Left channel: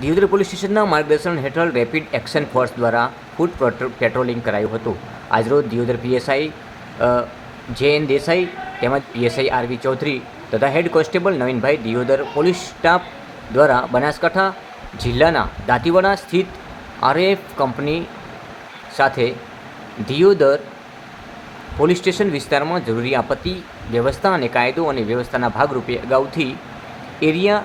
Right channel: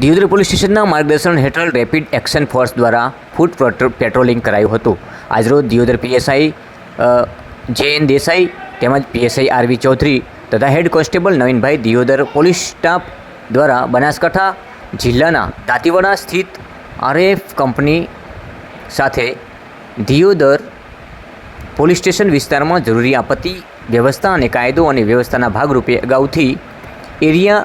Deodar police સ્ટેશનના માર્ગદર્શન હેઠળ રેપિડ એક્શન ફોર્સ દ્વારા ફૂટ પેટ્રોલિંગ કરાયું હતું। આજરોજ દિયોદર પીએસઆઈ જે.એન. દેસાઈ તેમજ પીએસઆઈ આર.વી. ચૌધરી તથા head constable Navinbhai Deodar police staff દ્વારા બનાસકાંઠા જિલ્લાના દાંતીવાડા સ્થિત આરએફ કંપની સાથે દિયોદર પોલીસ સ્ટેશન વિસ્તારમાં જરૂરી આપત્તિ વ્યવસ્થા અને કાયદો અને વ્યવસ્થાના ભાગરૂપે અગાઉથી એરિયા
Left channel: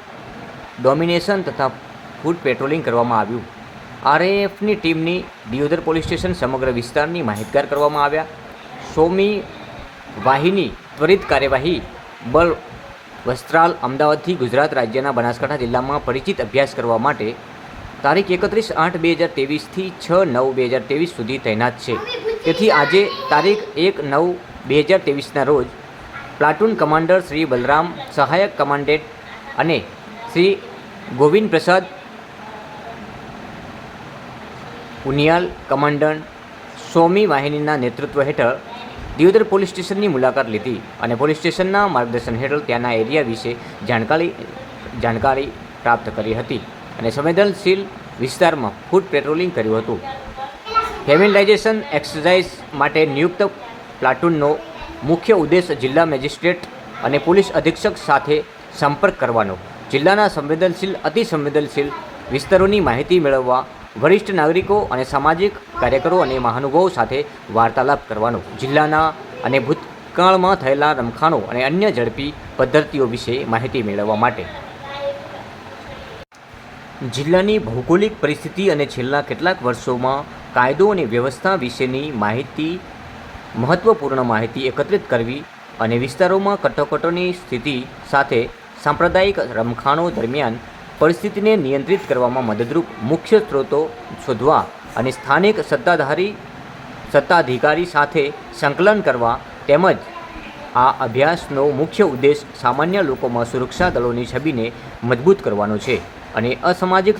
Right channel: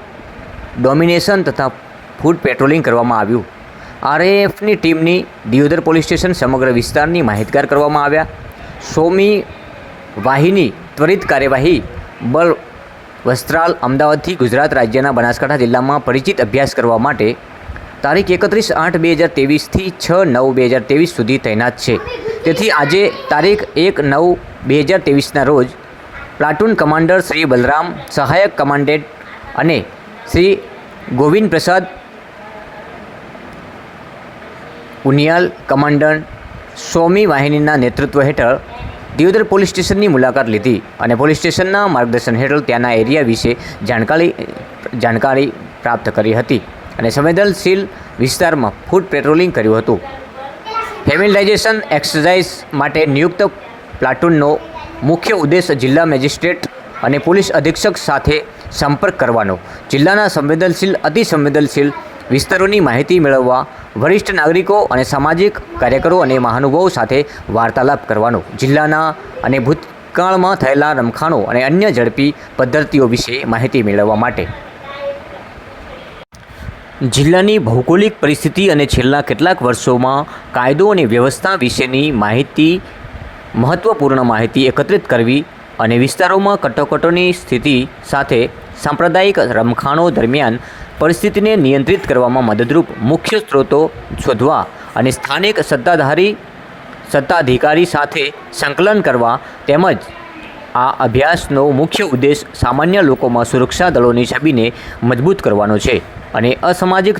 ડોમિનેશન તથા ફૂટ પેટ્રોલિંગ કરવામાં આવ્યું। આરએએફની ટીમની દિયોદર પોલીસ સ્ટેશન સમગ્ર વિસ્તારની માહિતગાર કરવામાં આવ્યા। 100મી વાહિની ત્વરિત કાર્યવાહી બળ વસ્ત્રાલ અમદાવાદથી ગુજરાત રાજ્યના બનાસકાંઠા જિલ્લામાં પરિચિત અભ્યાસ કરવા માટે તારીખ 31/8/2023થી 6/9/2023 સુધી તૈનાત છે। તેથી આજે તારીખ 1/9/2023ના રોજ પ્લાટૂન કમાન્ડર શ્રી બલરામ, સહાયક કમાન્ડન્ટ અને શ્રી ગોવિંદ પ્રસાદ ઉનિયાલ કમાન્ડન્ટ 100મી વાહિનીના નેતૃત્વ હેઠળ દિયોદર પોલીસ સ્ટેશનની મુલાકાત લીધી અને પોલીસ સ્ટેશનના માર્ગદર્શન હેઠળ ત્યાંના એરિયા વિશે જાણકારી પ્રાપ્ત કરી હતી અને સંવેદનશીલ વિસ્તારમાં ફૂટ પેટ્રોલિંગ કર્યું હતું। ફેમિલાઇઝેશન એક્સરસાઇઝ માટે નિયુક્ત પ્લાટૂનનો મુખ્ય ઉદ્દેશ જિલ્લા મેજિસ્ટ્રેટ અને પોલીસ અધિક્ષક સાથે સંપર્ક કરવાનો, જિલ્લાના સંવેદનશીલ અતિ સંવેદનશીલ વિસ્તારોની માહિતી મેળવવા, વરિષ્ઠ નાગરિકો અને સામાજિક કાર્યકરો અને મહાનુભાવો સાથે વાર્તાલાપ કરવાનો, જિલ્લાના અને ભૂતકાળમાં થયેલા રમખાણો અને અન્ય ઝડપી પદ્ધતિઓ વિશે માહિતી મેળવવા માટે જિલ્લાની ભૌગોલિક પરિસ્થિતિ અને છેલ્લા કેટલાક વર્ષોમાં કાયદો અને વ્યવસ્થા વિશેની મહત્ત્વપૂર્ણ માહિતી એકત્રિત કરવી અને વિસ્તારોમાં કટોકટીની સ્થિતિ સાથે સાંપ્રદાયિક રમખાણો દરમિયાન પરિસ્થિતિને નિયંત્રિત કરવામાં મદદરૂપ મુખ્ય સ્ત્રોતો શોધવા અને સ્થાનિક સત્તાધિકારી સાથે સંકલન કરવા તેમજ આ અભ્યાસનો મુખ્ય ઉદ્દેશ સામાન્ય લોકોમાં સુરક્ષા દળોની છબીને મજબૂત કરવાનો છે અને અસામાજિક